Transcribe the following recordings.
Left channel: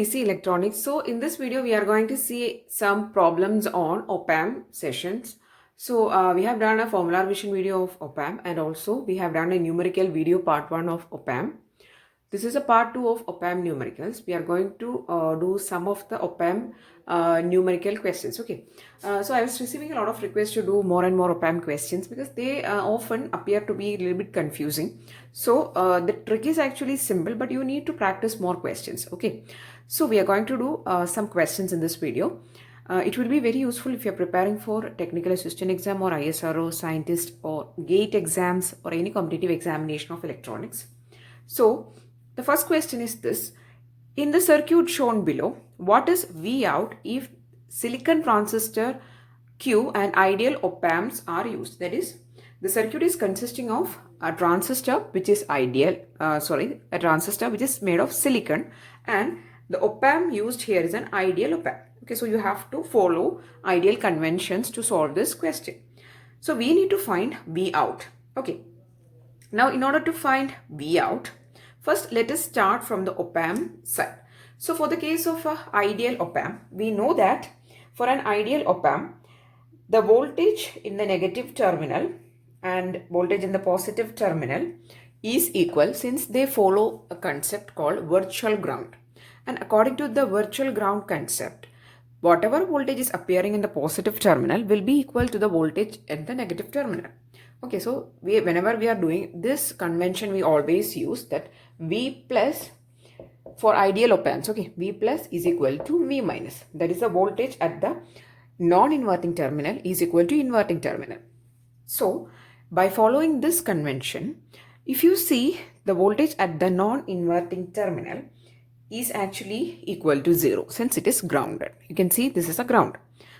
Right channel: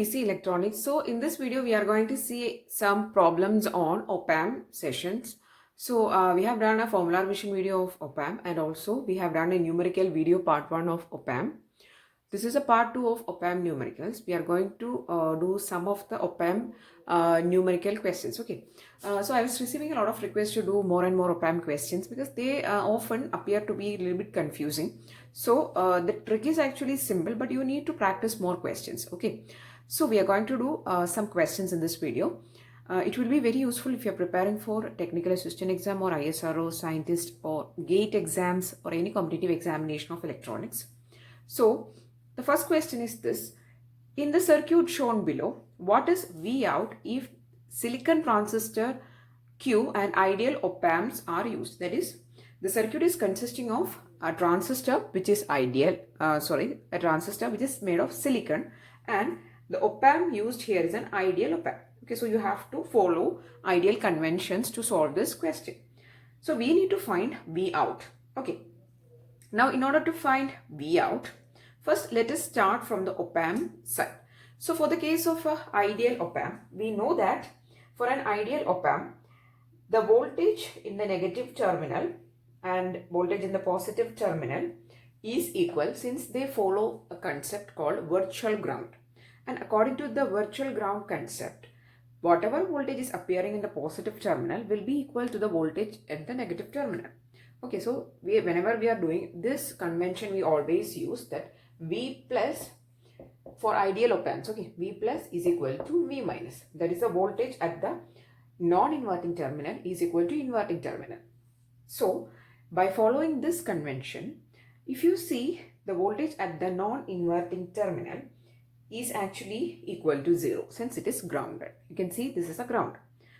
easy electronics. So in this video, we are going to see some problems on op-amp sessions. So we have done a formula revision video of op-amp, and also we have done a numerical video part 1 of op-amp. This is a part 2 of op-amp numericals. We are going to do some of the op-amp numerical questions. Okay. So I was receiving a lot of requests to do more and more op-amp questions because they often appear to be a little bit confusing. So the trick is actually simple, but you need to practice more questions. Okay. So we are going to do some questions in this video. It will be very useful if you are preparing for technical assistant exam or ISRO, scientist or GATE exams or any competitive examination of electronics. So the first question is this: in the circuit shown below, what is V out if silicon transistor Q and ideal op-amps are used? That is, the circuit is consisting of a transistor which is a transistor which is made of silicon, and the op-amp used here is an ideal op-amp. Okay, so you have to follow ideal conventions to solve this question. So we need to find V out. Okay, now in order to find V out, first let us start from the op-amp side. So for the case of an ideal op-amp, we know that for an ideal op-amp, the voltage in the negative terminal and voltage in the positive terminal is equal, since they follow a concept called virtual ground. And according to the virtual ground concept, whatever voltage is appearing in the positive terminal will be equal to the voltage in the negative terminal. Okay, so whenever we are doing this convention, we always use that V plus for ideal op-amps. Okay, V plus is equal to V minus. That is the voltage at the non-inverting terminal is equal to inverting terminal. So by following this convention, if you see, the voltage at the non-inverting terminal is actually equal to 0 since it is grounded. You can see this is a ground.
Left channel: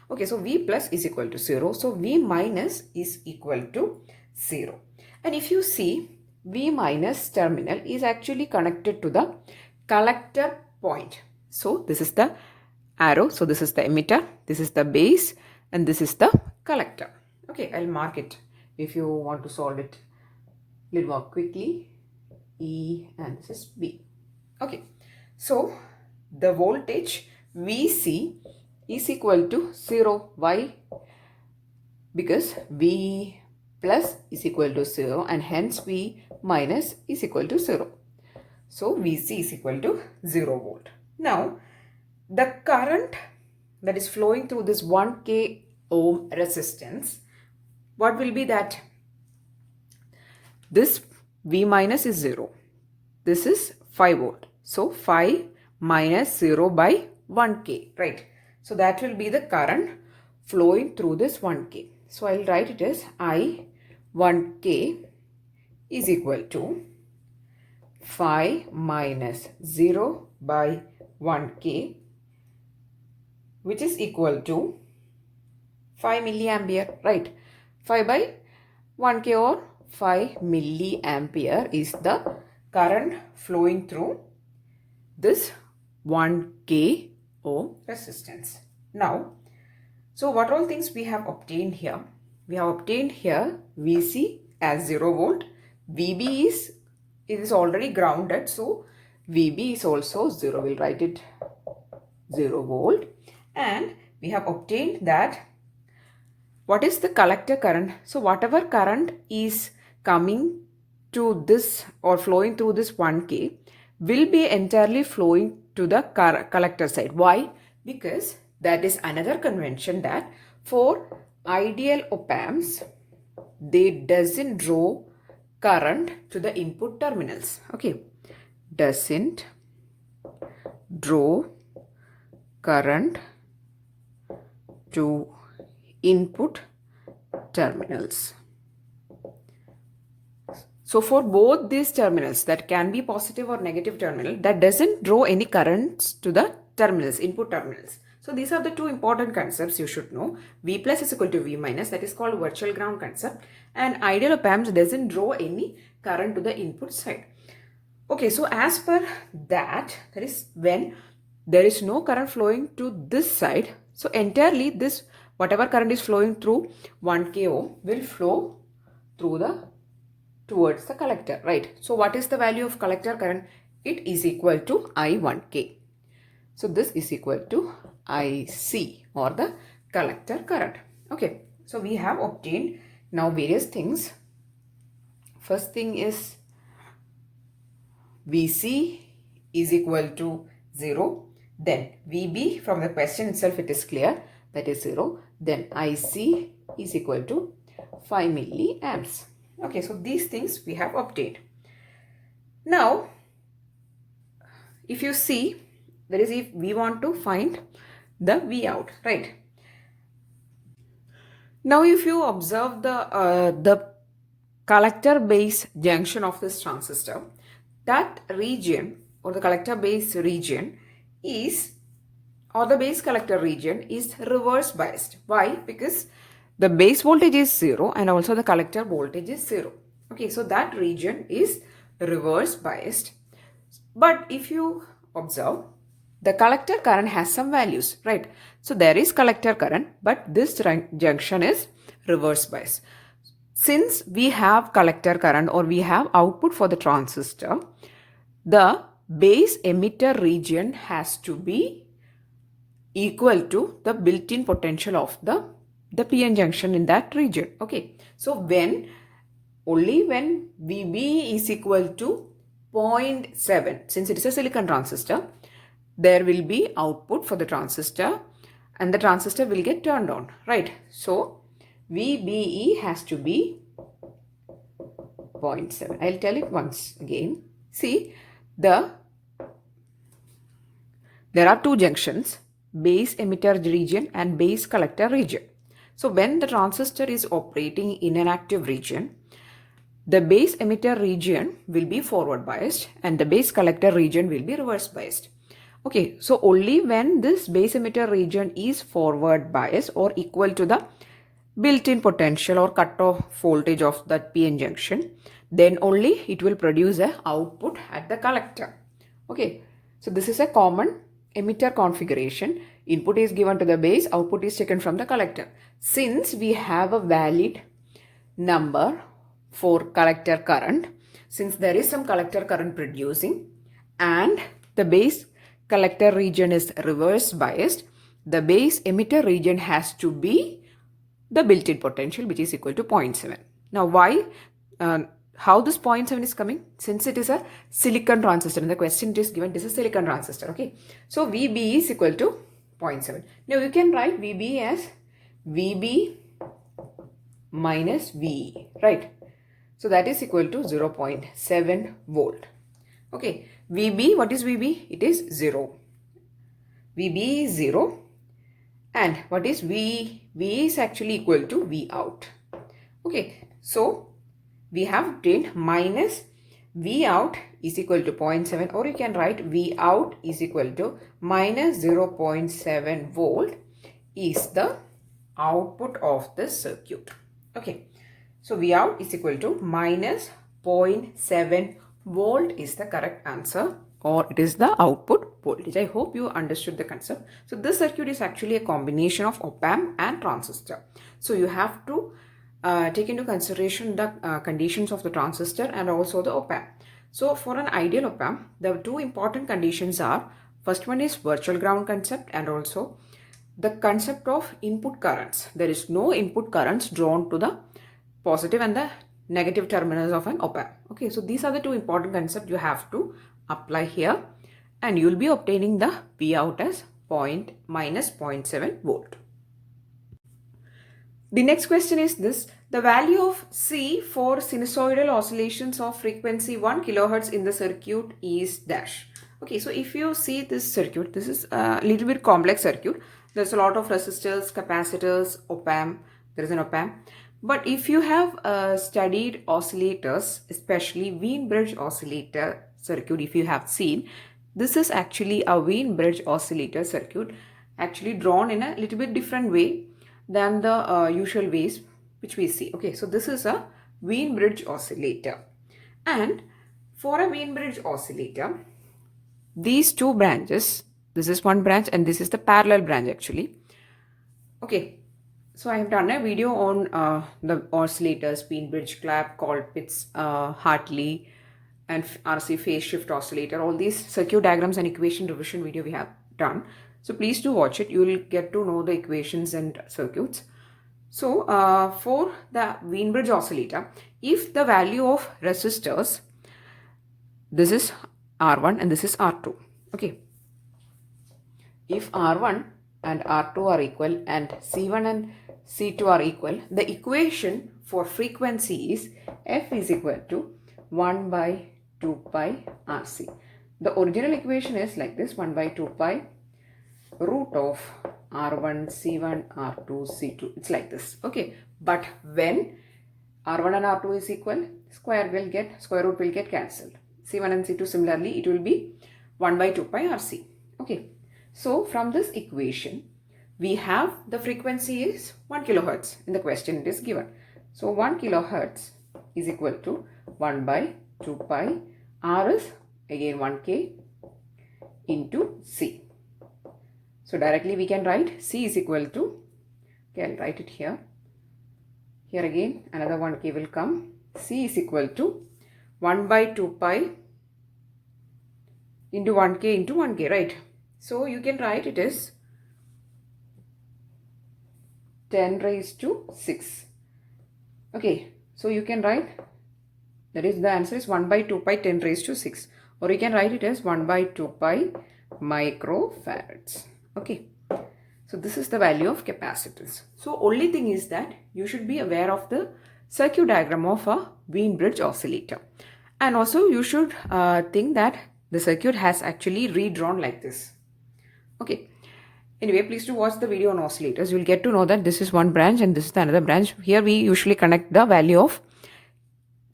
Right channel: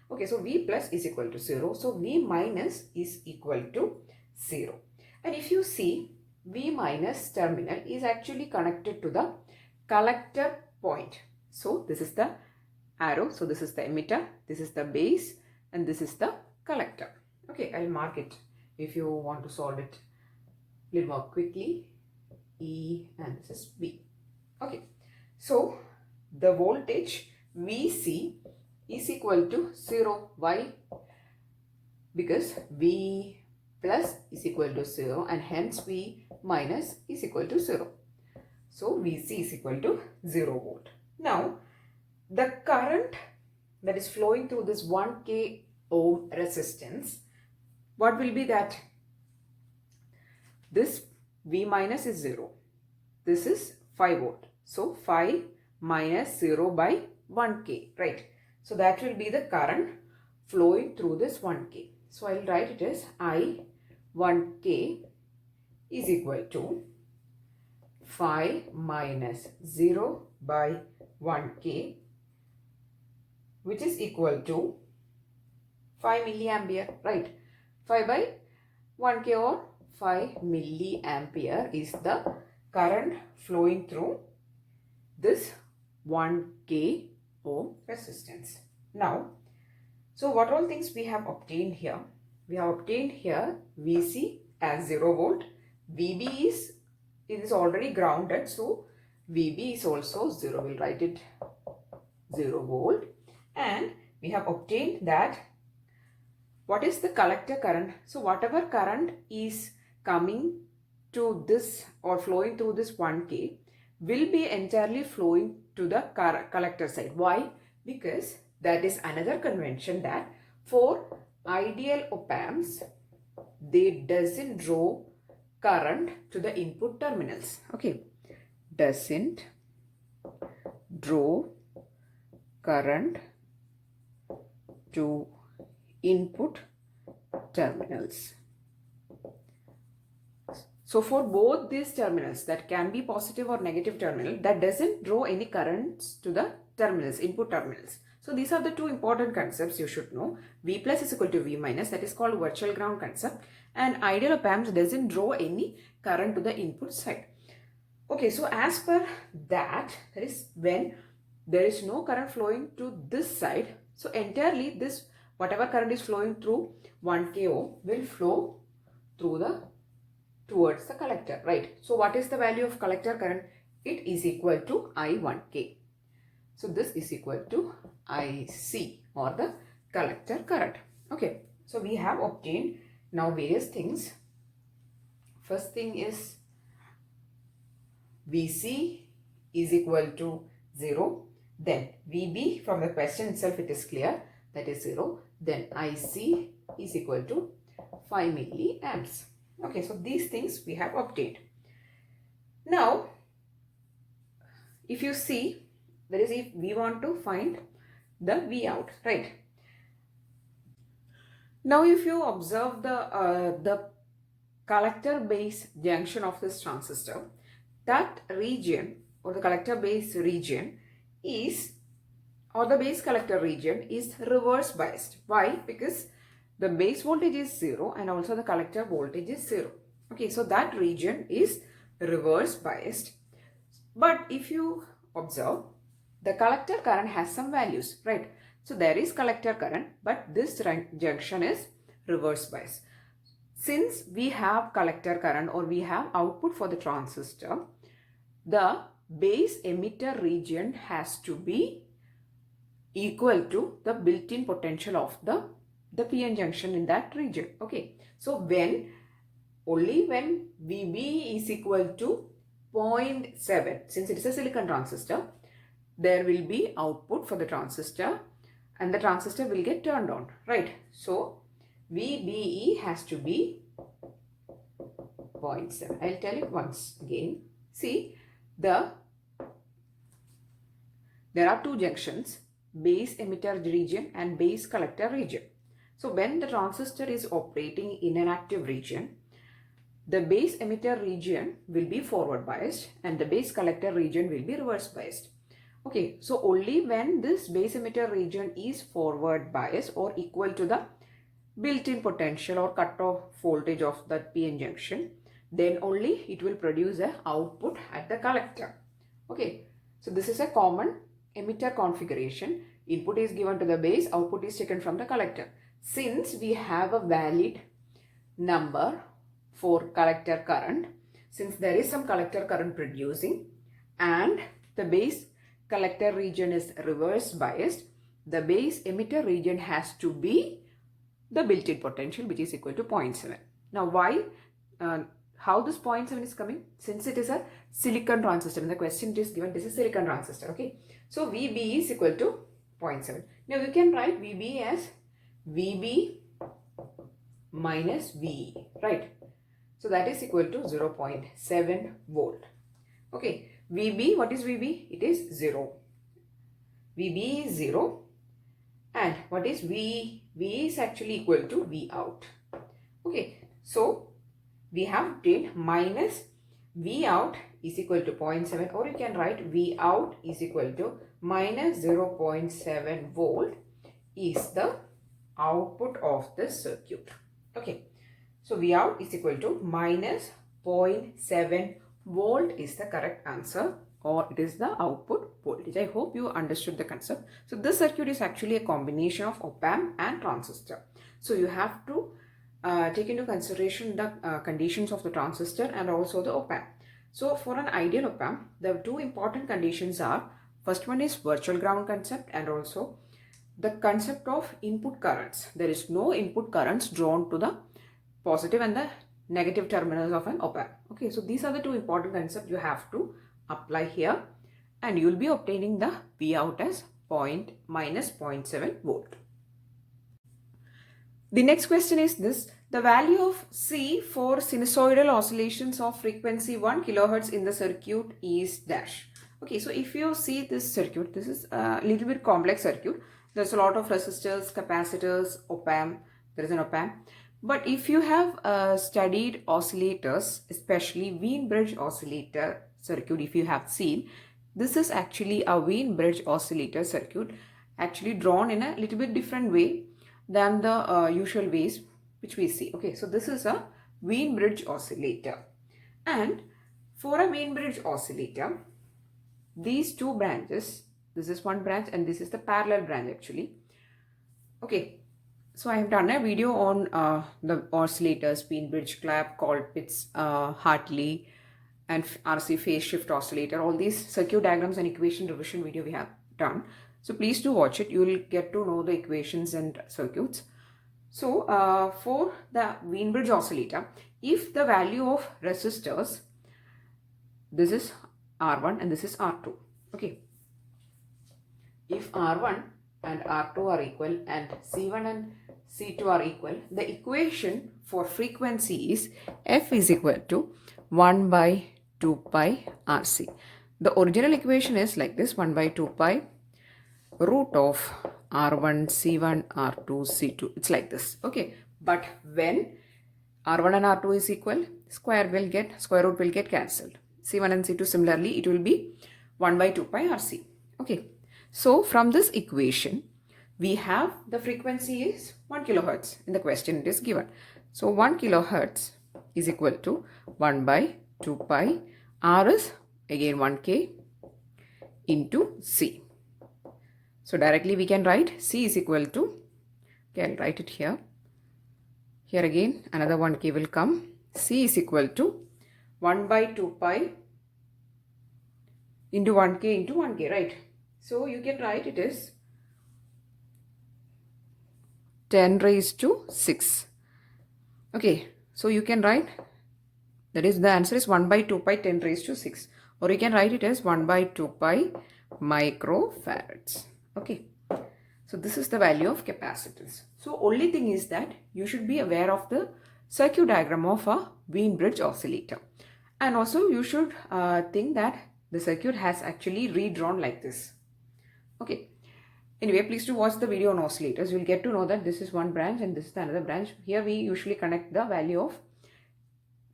Okay, so V plus is equal to 0. So V minus is equal to 0. And if you see, V minus terminal is actually connected to the collector point. So this is the arrow. So this is the emitter, this is the base, and this is the collector. Okay, I'll mark it if you want to solve it a little more quickly. E and this is B. Okay, so the voltage VC is equal to 0. Why? Because V plus is equal to 0 and hence V minus is equal to 0. So VC is equal to 0 volt. Now the current that is flowing through this 1K ohm resistance, what will be that? This V minus is 0. This is 5 volt. So 5 minus 0 by 1K, right? So that will be the current flowing through this 1K. So I'll write it as I 1K is equal to 5 minus 0 by 1K, which is equal to 5 milliampere, right? 5 by 1K or 5 milliampere is the current flowing through this 1K ohm resistance. Now, so what all things we have obtained here? We have obtained here VC as 0 volt. VB is already grounded, so VB is also 0. We'll write it 0 volt. And we have obtained that what is the collector current? So whatever current is coming to this or flowing through this 1K will be entirely flowing to the collector side. Why? Because that is another convention that for ideal op-amps, they doesn't draw current to the input terminals. Okay, doesn't draw current to input terminals. So for both these terminals, that can be positive or negative terminal, that doesn't draw any currents to the terminals, input terminals. So these are the two important concepts you should know. V plus is equal to V minus, that is called virtual ground concept, and ideal op-amps doesn't draw any current to the input side. Okay, so as per that is when there is no current flowing to this side, so entirely this whatever current is flowing through 1K ohm will flow through towards the collector, right? So what is the value of collector current? It is equal to I1K. So this is equal to IC or the collector current. Okay, so we have obtained now various things. First thing is VC is equal to 0. Then VB, from the question itself it is clear, that is 0. Then IC is equal to 5 milliamps. Okay, so these things we have obtained. Now, if you see, that is, if we want to find the V out, right? Now, if you observe the collector base junction of this transistor, that region or the collector base region is, or the base collector region is reverse biased. Why? Because the base voltage is 0 and also the collector voltage is 0. Okay, so that region is reverse biased. But if you observe, the collector current has some values, right? So there is collector current, but this junction is reverse biased. Since we have collector current or we have output for the transistor, the base emitter region has to be equal to the built-in potential of the PN junction in that region. Okay, so only when VB is equal to 0.7, since it is a silicon transistor, there will be output for the transistor and the transistor will get turned on, right? So VBE has to be 0.7. I'll tell it once again. See, there are two junctions, base emitter region and base collector region. So when the transistor is operating in an active region, the base emitter region will be forward biased and the base collector region will be reverse biased. Okay, so only when this base emitter region is forward biased or equal to the built-in potential or cutoff voltage of that PN junction, then only it will produce an output at the collector. Okay, so this is a common emitter configuration. Input is given to the base, output is taken from the collector. Since we have a valid number for collector current, since there is some collector current producing and the base collector region is reverse biased, the base emitter region has to be the built-in potential, which is equal to 0.7. Now, how this 0.7 is coming? Since it is a silicon transistor, in the question it is given, this is a silicon transistor. Okay, so VB is equal to 0.7. Now you can write VB as VB minus VE, right? So that is equal to 0.7 volt. Okay, VB, what is VB? It is 0. VB is 0. And what is V? V is actually equal to V out. Okay, so we have obtained minus V out is equal to 0.7, or you can write V out is equal to minus 0.7 volt is the output of this circuit. Okay, so V out is equal to minus 0.7 volt is the correct answer, or it is the output voltage. I hope you understood the concept. So this circuit is actually a combination of op-amp and transistor. So you have to take into consideration the conditions of the transistor and also the op-amp. So for an ideal op-amp, the two important conditions are, first one is virtual ground concept and also the concept of input currents. There is no input currents drawn to the positive and the negative terminals of an op-amp. Okay, so these are the two important concepts you have to apply here, and you will be obtaining the V out as minus 0.7 volt. The next question is this: the value of C for sinusoidal oscillations of frequency 1 kHz in the circuit is dash. Okay, so if you see this circuit, this is a little bit complex circuit. There's a lot of resistors, capacitors, op-amp, there is an op-amp. But if you have studied oscillators, especially Wien bridge oscillator circuit, if you have seen, this is actually a Wien bridge oscillator circuit, actually drawn in a little bit different way than the usual ways which we see. Okay, so this is a Wien bridge oscillator, and for a Wien bridge oscillator, these two branches, this is one branch and this is the parallel branch actually. Okay, so I have done a video on the oscillators, Wien bridge clap, Colpitts, Hartley, and RC phase shift oscillator. All these circuit diagrams and equation revision video we have done. So please do watch it. You will get to know the equations and circuits. So for the Wien-Bridge oscillator, if the value of resistors, this is R1 and this is R2. Okay. If R1 and R2 are equal and C1 and C2 are equal, the equation for frequency is F is equal to 1 by 2 pi RC. The original equation is like this: 1 by 2 pi root of R1 C1 R2 C2. It's like this. Okay. But when R1 and R2 is equal, square root will get cancelled. C1 and C2 similarly, it will be 1 by 2 pi RC. Okay. So from this equation, we have the frequency is 1 kilohertz. In the question it is given. So 1 kilohertz is equal to 1 by 2 pi. R is again 1K into C. So directly we can write C is equal to, can write it here. Here again another 1K will come. C is equal to 1 by 2 pi into 1K into 1K, right? So you can write it as 10 raised to 6. Okay, so you can write, that is, the answer is 1 by 2 pi 10 raised to 6. Or you can write it as 1 by 2 pi microfarads. Okay, so this is the value of capacitance. So only thing is that you should be aware of the circuit diagram of a Wien-Bridge oscillator. And also you should think that the circuit has actually redrawn like this. Okay. Anyway, please do watch the video on oscillators. You will get to know that this is one branch and this is the another branch. Here we usually connect the value of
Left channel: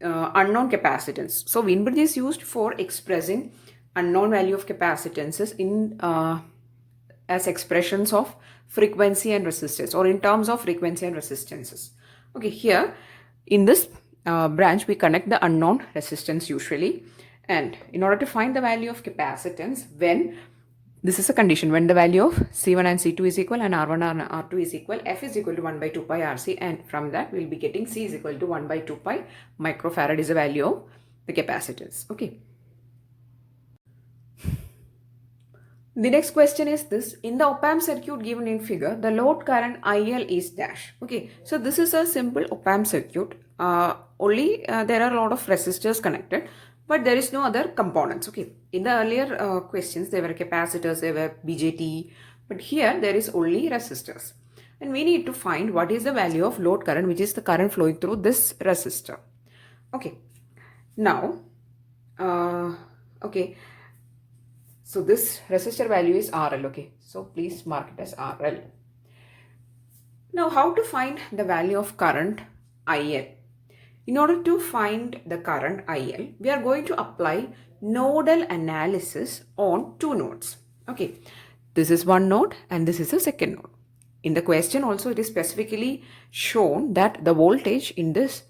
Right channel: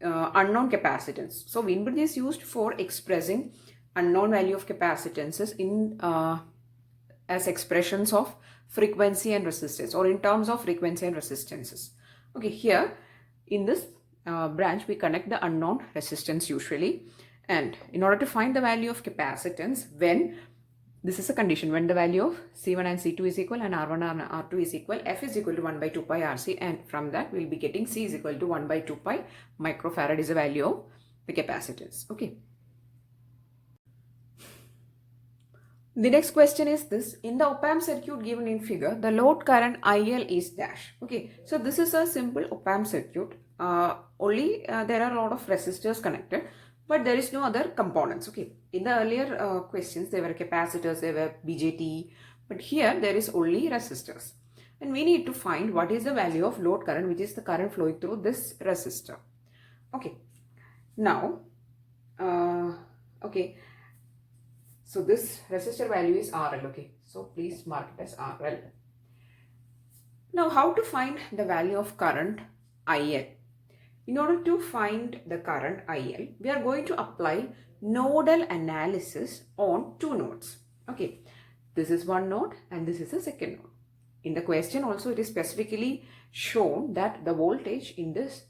unknown capacitance. So Wien-Bridge is used for expressing unknown value of capacitances in as expressions of frequency and resistance, or in terms of frequency and resistances. Okay, here in this branch we connect the unknown resistance usually, and in order to find the value of capacitance, when this is a condition, when the value of C1 and C2 is equal and R1 and R2 is equal, F is equal to 1 by 2 pi RC, and from that we will be getting C is equal to 1 by 2 pi microfarad is the value of the capacitance. Okay. The next question is this: in the op-amp circuit given in figure, the load current IL is dash. Okay, so this is a simple op-amp circuit. Only there are a lot of resistors connected, but there is no other components. Okay, in the earlier questions there were capacitors, there were BJT, but here there is only resistors, and we need to find what is the value of load current, which is the current flowing through this resistor. Okay, now okay, so this resistor value is RL. Okay, so please mark it as RL. Now how to find the value of current IL? In order to find the current IL, we are going to apply nodal analysis on two nodes. Okay, this is one node and this is a second node. In the question also it is specifically shown that the voltage in this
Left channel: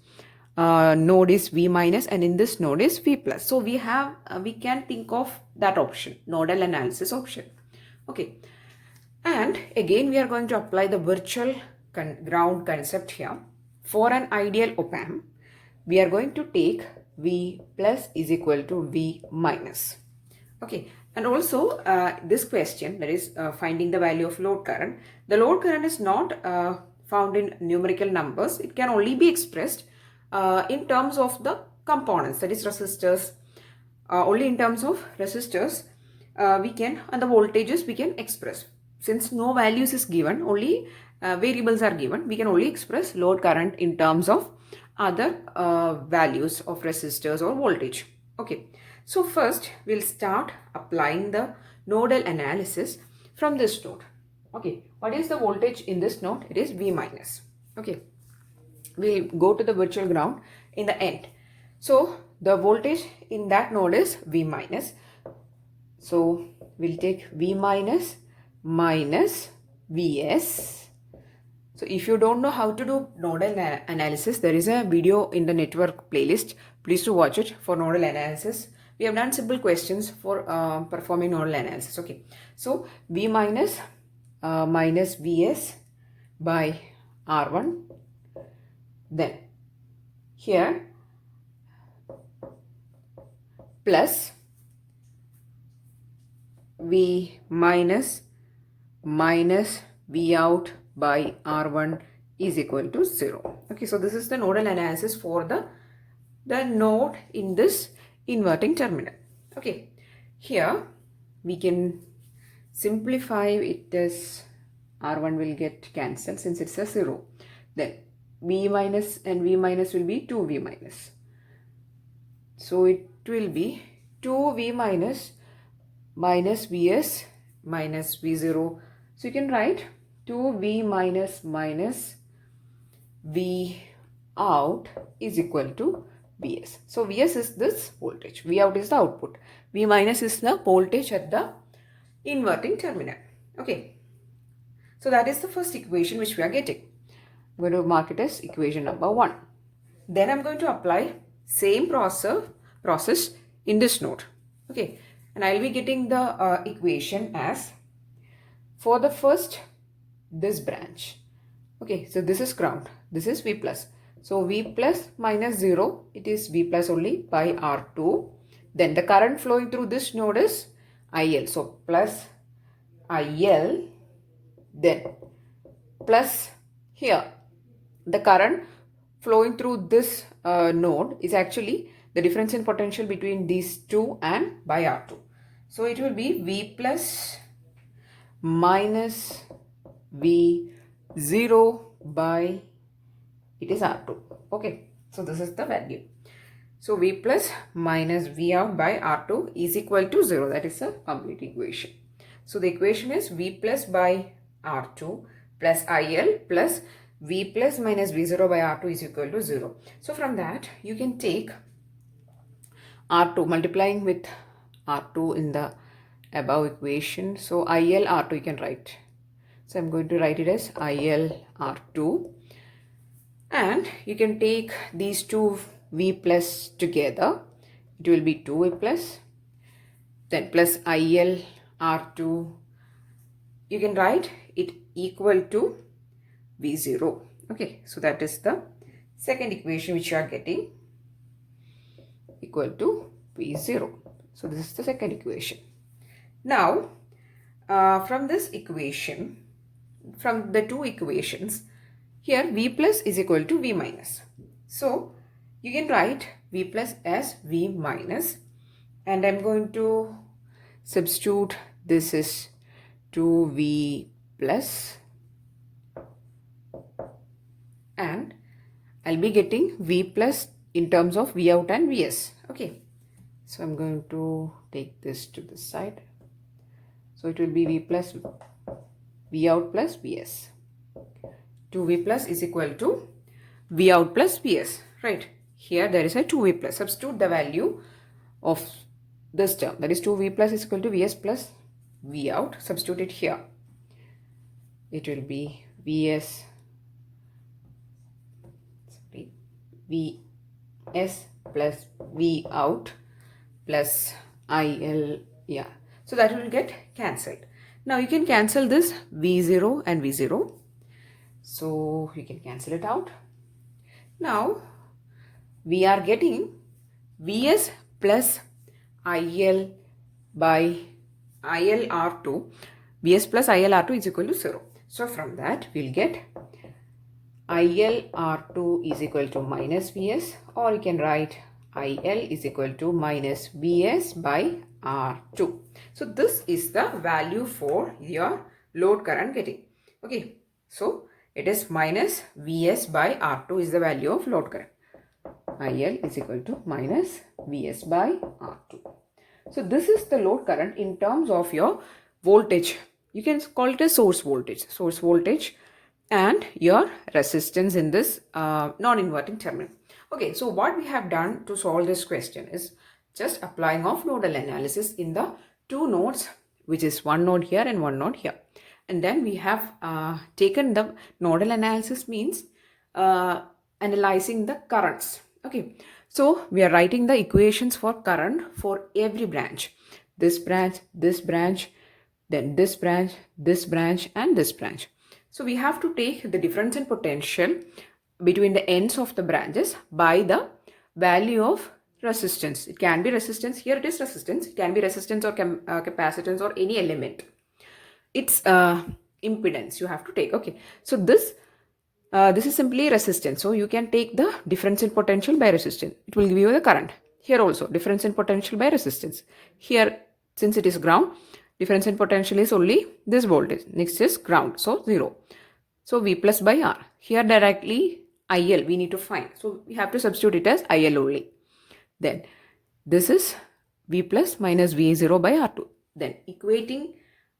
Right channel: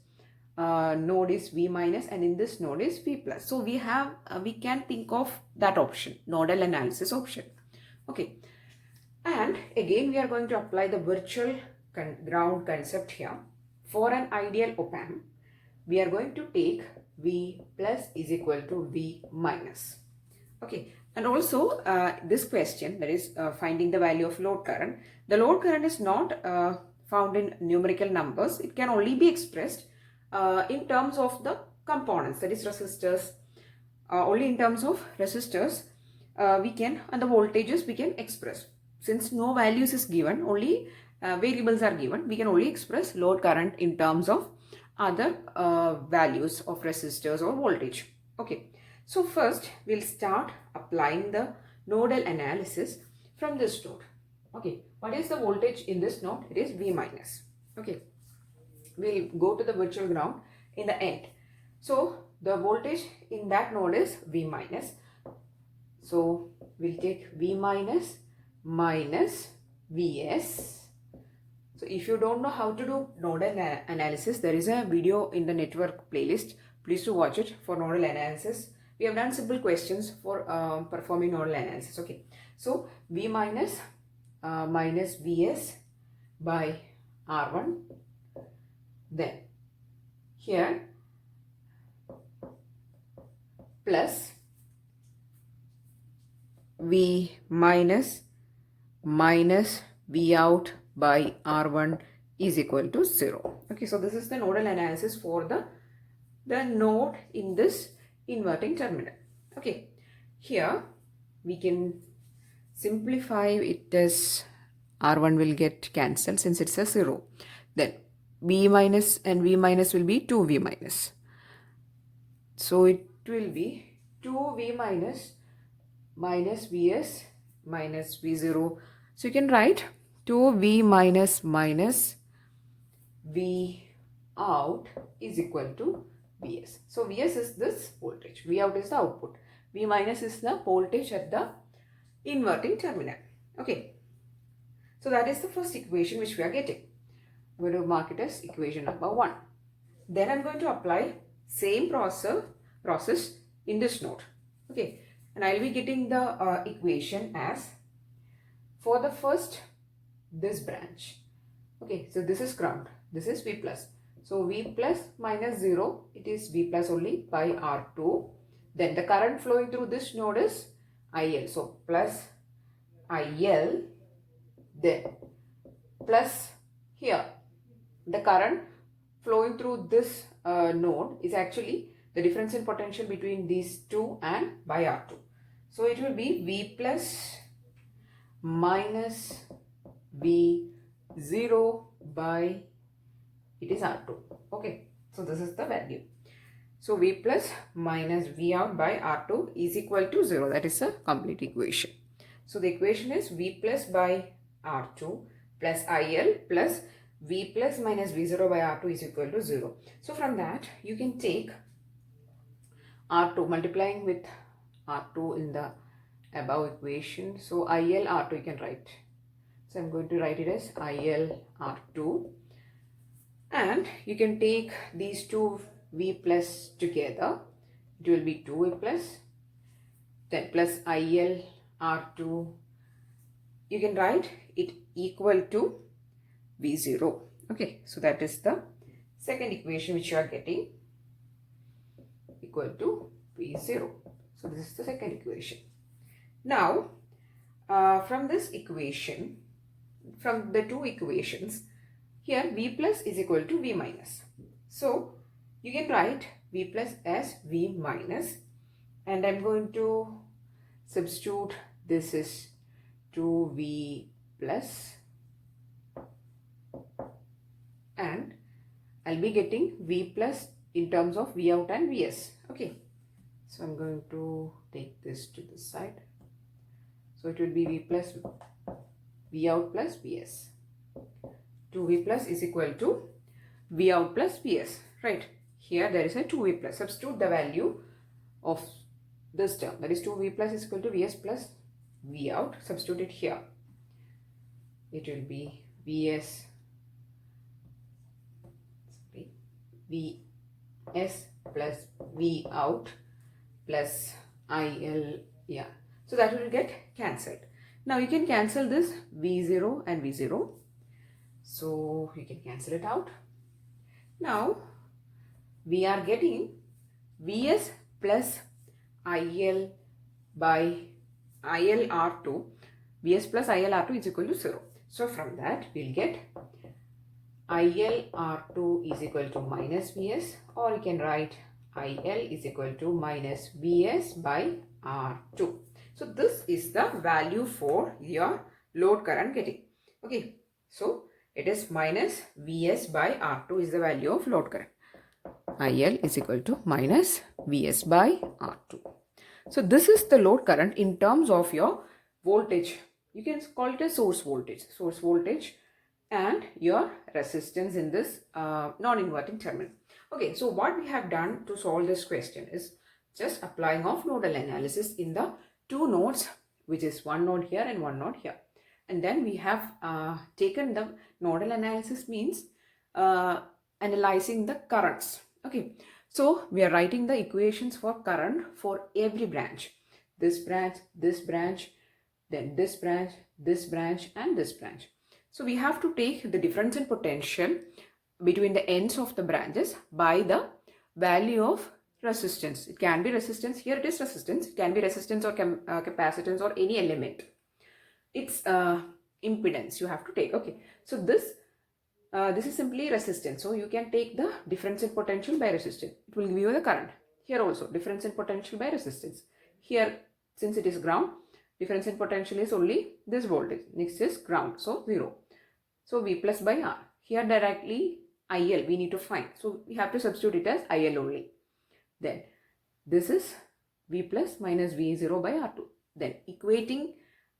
node is V minus and in this node is V plus. So we can think of that option, nodal analysis option. Okay, and again we are going to apply the virtual ground concept here. For an ideal op-amp, we are going to take V plus is equal to V minus. Okay, and also this question, that is finding the value of load current. The load current is not found in numerical numbers. It can only be expressed in terms of the components, that is resistors. Only in terms of resistors we can, and the voltages we can express. Since no values is given, only variables are given, we can only express load current in terms of other values of resistors or voltage. Okay, so first we'll start applying the nodal analysis from this node. Okay, what is the voltage in this node? It is V minus. Okay, we'll go to the virtual ground in the end. So the voltage in that node is V minus. So we'll take V minus minus Vs. So if you don't know how to do nodal analysis, there is a video in the network playlist. Please do watch it for nodal analysis. We have done simple questions for performing nodal analysis. Okay, so V minus minus Vs by R1. Then here plus 2V minus V out by R1 is equal to 0. Okay, so this is the nodal analysis for the node in this inverting terminal. Okay, here we can simplify it as R1 will get cancelled since it's a 0. Then V minus and V minus will be 2V minus. So it will be 2V minus Vs minus V0. So you can write 2V minus V out is equal to Vs. So Vs is this voltage, V out is the output, V minus is the voltage at the inverting terminal. Okay, so that is the first equation which we are getting. I'm going to mark it as equation number 1. Then I'm going to apply same process in this node. Okay, and I'll be getting the equation as for the first this branch. Okay, so this is ground, this is V plus. So V plus minus 0, it is V plus only by R2. Then the current flowing through this node is IL. So plus IL, then plus here the current flowing through this node is actually the difference in potential between these two and by R2. So it will be V plus minus V0 by it is R2. Okay, so this is the value. So V plus minus V out by R2 is equal to 0. That is a complete equation. So the equation is V plus by R2 plus IL plus V plus minus V0 by R2 is equal to 0. So from that you can take R2 multiplying with R2 in the above equation. So IL R2 you can write. So I'm going to write it as IL R2. And you can take these two V plus together. It will be 2V plus. Then plus IL R2. You can write it equal to V0. Okay, so that is the second equation which you are getting, equal to V0. So this is the second equation. Now, from this equation, from the two equations, here V plus is equal to V minus. So you can write V plus as V minus, and I'm going to substitute this is 2V plus, and I'll be getting V plus in terms of V out and Vs. Okay, so I'm going to take this to the side. So it will be V plus V out plus Vs. 2V plus is equal to V out plus Vs. Right, here there is a 2V plus. Substitute the value of this term, that is 2V plus is equal to Vs plus V out. Substitute it here. It will be Vs plus V out plus IL. Yeah, so that will get cancelled. Now you can cancel this V0 and V0. So you can cancel it out. Now we are getting Vs plus IL by IL R2. Vs plus IL R2 is equal to 0. So from that we'll get IL R2 is equal to minus Vs, or you can write IL is equal to minus Vs by R2. So this is the value for your load current getting. Okay, so it is minus Vs by R2 is the value of load current. IL is equal to minus Vs by R2. So this is the load current in terms of your voltage. You can call it a source voltage and your resistance in this non-inverting terminal. Okay, so what we have done to solve this question is just applying of nodal analysis in the two nodes, which is one node here and one node here. And then we have taken the nodal analysis means analyzing the currents. Okay, so we are writing the equations for current for every branch. This branch, then this branch, and this branch. So we have to take the difference in potential between the ends of the branches by the value of resistance. It can be resistance. Here it is resistance. It can be resistance or capacitance or any element. It's impedance you have to take. Okay, so this is simply resistance. So you can take the difference in potential by resistance. It will give you the current. Here also difference in potential by resistance. Here, since it is ground, difference in potential is only this voltage. Next is ground, so 0. So V plus by R. Here directly IL we need to find. So we have to substitute it as IL only. Then this is V plus minus V0 by R2. Then equating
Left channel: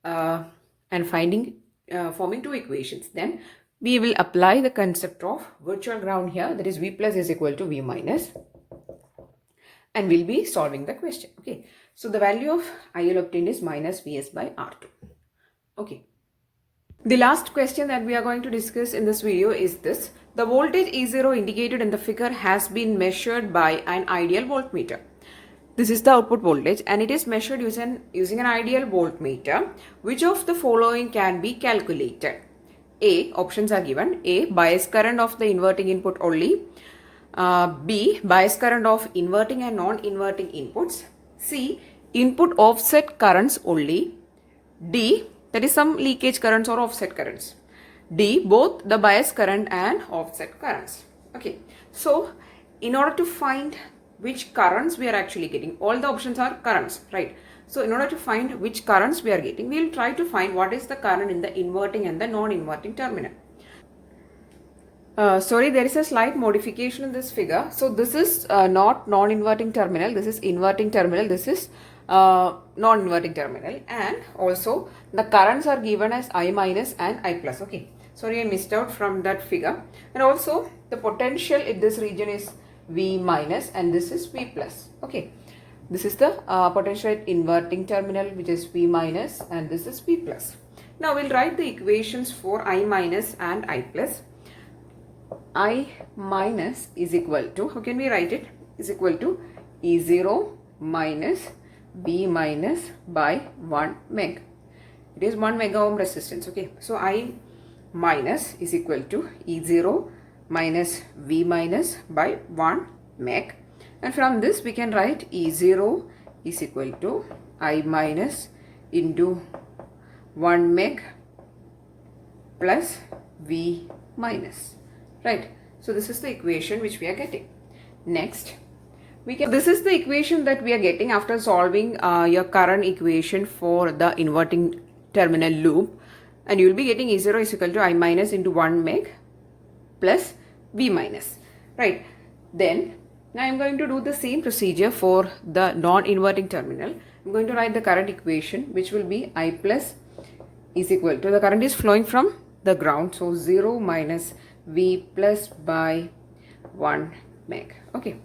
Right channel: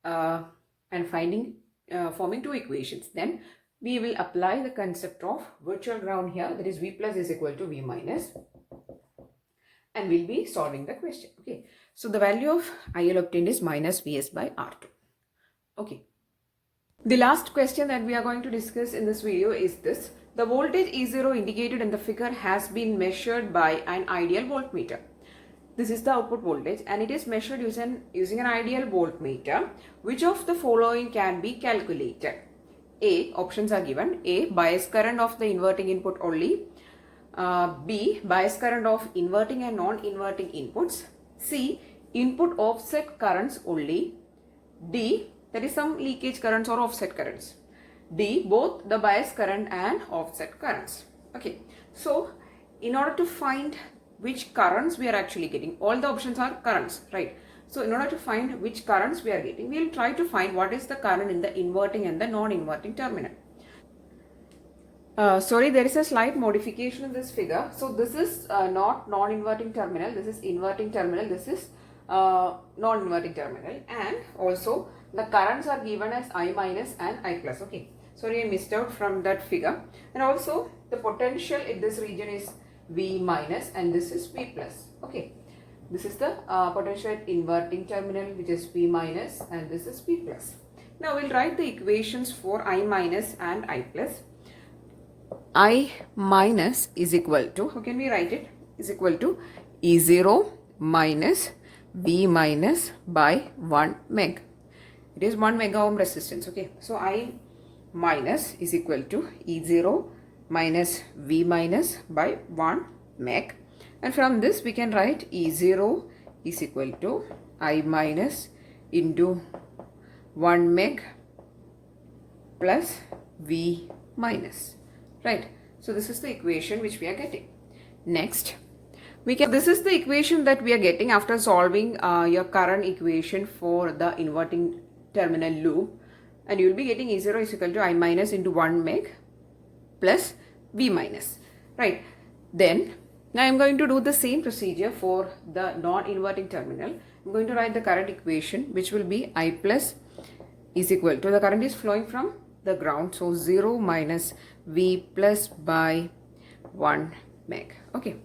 and forming two equations. Then we will apply the concept of virtual ground here, that is V plus is equal to V minus, and we'll be solving the question. Okay, so the value of IL obtained is minus Vs by R2. Okay, the last question that we are going to discuss in this video is this. The voltage E0 indicated in the figure has been measured by an ideal voltmeter. This is the output voltage and it is measured using an ideal voltmeter. Which of the following can be calculated? A, options are given. A, bias current of the inverting input only. B, bias current of inverting and non-inverting inputs. C, input offset currents only. D, that is some leakage currents or offset currents. D, both the bias current and offset currents. Okay, so in order to find which currents we are actually getting, all the options are currents, right? So in order to find which currents we are getting, we will try to find what is the current in the inverting and the non-inverting terminal. Sorry, there is a slight modification in this figure. So this is not non-inverting terminal, this is inverting terminal, this is non-inverting terminal, and also the currents are given as I minus and I plus. Okay, sorry I missed out from that figure. And also the potential in this region is V minus and this is V plus. Okay, this is the potential at inverting terminal, which is V minus, and this is V plus. Now we'll write the equations for I minus and I plus. I minus is equal to, how can we write it? Is equal to E0 minus V minus by 1 meg. It is 1 mega ohm resistance. Okay, so I minus is equal to E0 minus V minus by 1 meg. And from this we can write E0 is equal to I minus into 1 meg plus V minus. Right. So this is the equation which we are getting. Next, this is the equation that we are getting after solving your current equation for the inverting terminal loop. And you will be getting E0 is equal to I minus into 1 meg plus V minus. Right. Then now I am going to do the same procedure for the non-inverting terminal. I am going to write the current equation, which will be I plus is equal to, the current is flowing from the ground, so 0 minus V plus by 1 meg. Okay,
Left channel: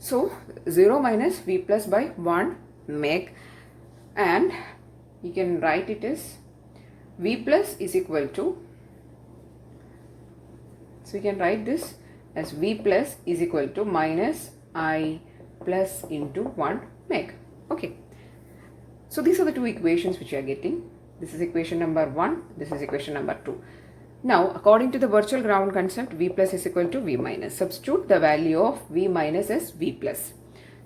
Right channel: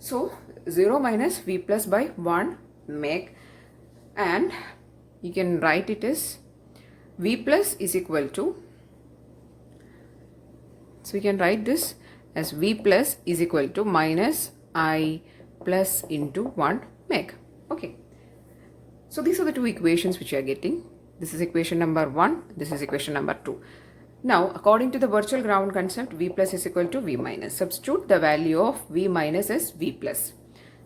so 0 minus V plus by 1 meg, and you can write it as V plus is equal to, so we can write this as V plus is equal to minus I plus into 1 meg. Okay, so these are the two equations which you are getting. This is equation number 1, this is equation number 2. Now according to the virtual ground concept, V plus is equal to V minus. Substitute the value of V minus as V plus.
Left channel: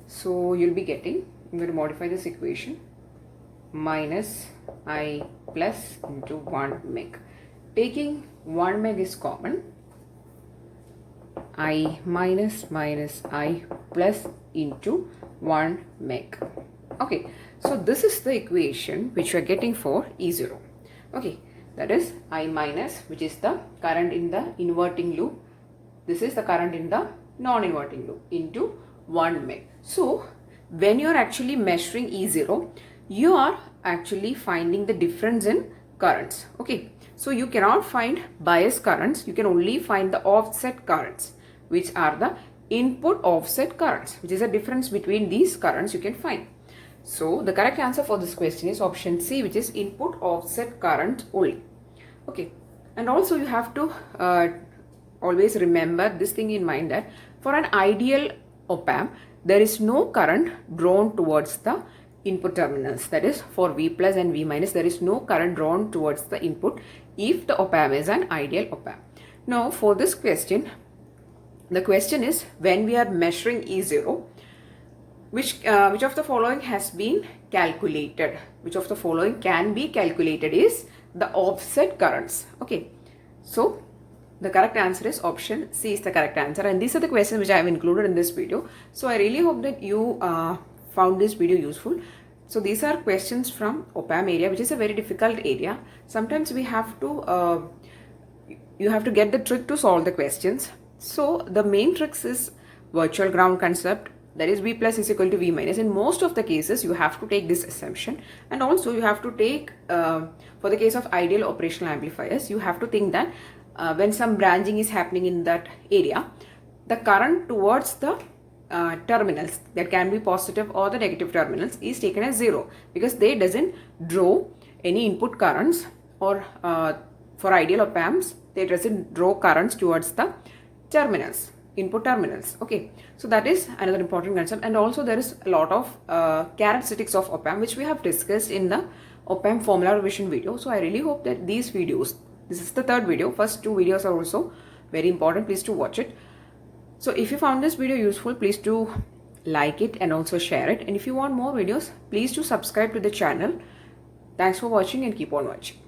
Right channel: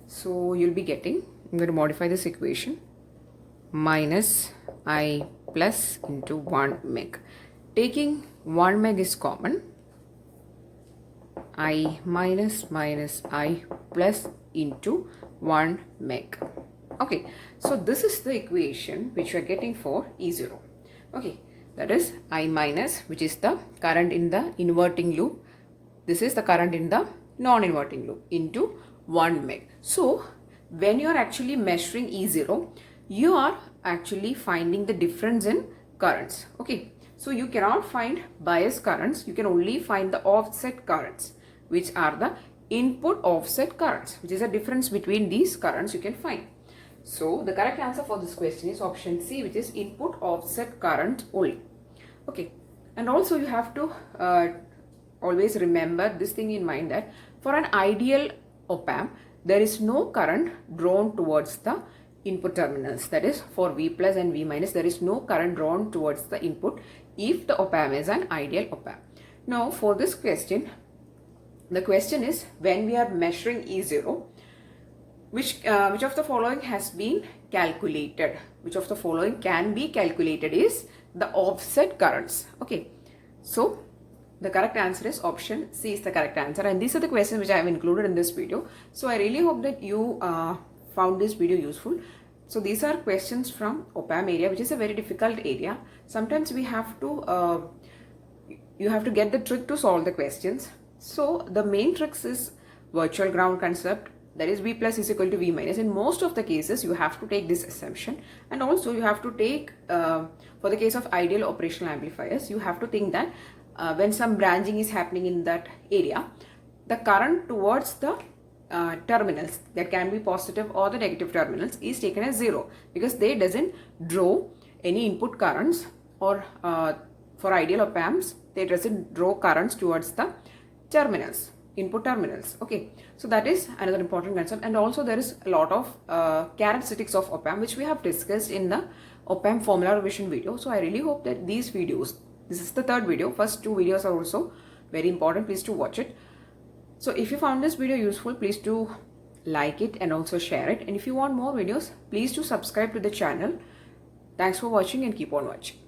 So you'll be getting, I'm going to modify this equation, minus I plus into 1 meg. Taking 1 meg is common, I minus minus I plus into 1 meg. Okay, so this is the equation which we are getting for E0. Okay, that is I minus, which is the current in the inverting loop. This is the current in the non-inverting loop, into 1 meg. So when you are actually measuring E0, you are actually finding the difference in currents. Okay, so you cannot find bias currents, you can only find the offset currents, which are the input offset currents, which is a difference between these currents you can find. So the correct answer for this question is option C, which is input offset current only. Okay, and also you have to always remember this thing in mind, that for an ideal op-amp, there is no current drawn towards the input terminals. That is, for V plus and V minus, there is no current drawn towards the input if the op-amp is an ideal op-amp. Now for this question, the question is, when we are measuring E0, which of the following has been calculated? Which of the following can be calculated is the offset currents. Okay, so the correct answer is option C is the correct answer, and these are the questions which I have included in this video. So I really hope that you found this video useful. So these are questions from OPAM area, which is a very difficult area. Sometimes we have to you have to get the trick to solve the questions. So the main tricks is virtual ground concept, that is V plus is equal to V minus. In most of the cases you have to take this assumption, and also you have to take for the case of ideal operational amplifiers, you have to think that when some branching is happening in that area, the current towards the terminals, that can be positive or the negative terminals, is taken as 0, because they doesn't draw any input currents, or for ideal op amps they doesn't draw currents towards the terminals, input terminals. Okay, so that is another important concept. And also there is a lot of characteristics of op amp which we have discussed in the op amp formula revision video. So I really hope that these videos, this is the third video, first two videos are also very important, please do watch it. So if you found this video useful, please do like it and also share it, and if you want more videos, please do subscribe to the channel. Thanks for watching and keep on watching.